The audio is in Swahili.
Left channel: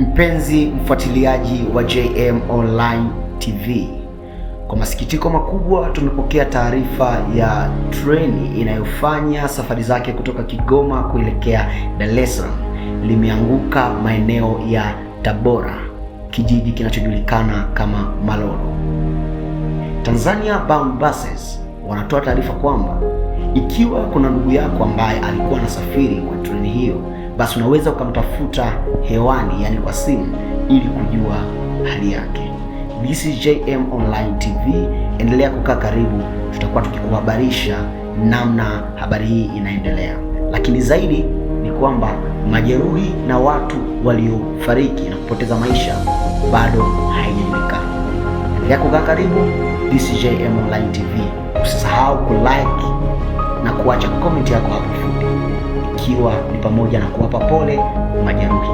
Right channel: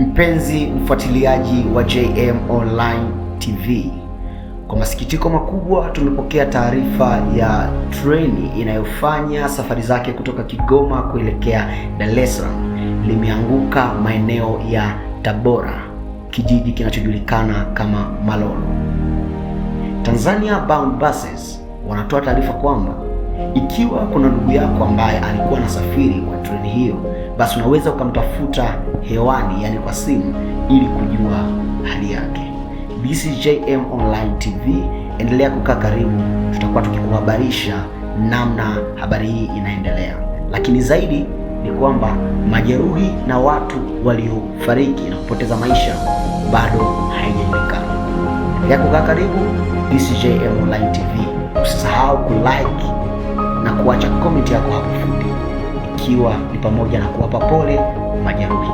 Mpenzi mfuatiliaji wa JM Online TV, kwa masikitiko makubwa tumepokea taarifa ya treni inayofanya safari zake kutoka Kigoma kuelekea Dar es Salaam limeanguka maeneo ya Tabora, kijiji kinachojulikana kama Malolo. Tanzania Bound Buses wanatoa taarifa kwamba ikiwa kuna ndugu yako ambaye alikuwa anasafiri kwa treni hiyo, basi unaweza ukamtafuta hewani, yani kwa simu, ili kujua hali yake. This is JM Online TV. Endelea kukaa karibu, tutakuwa tukikuhabarisha namna habari hii inaendelea. Lakini zaidi ni kwamba majeruhi na watu waliofariki na kupoteza maisha bado haijajulikana. Endelea kukaa karibu. This is JM Online TV. Usisahau kulike na kuacha comment yako hapo fupi, ikiwa ni pamoja na kuwapa pole majeruhi.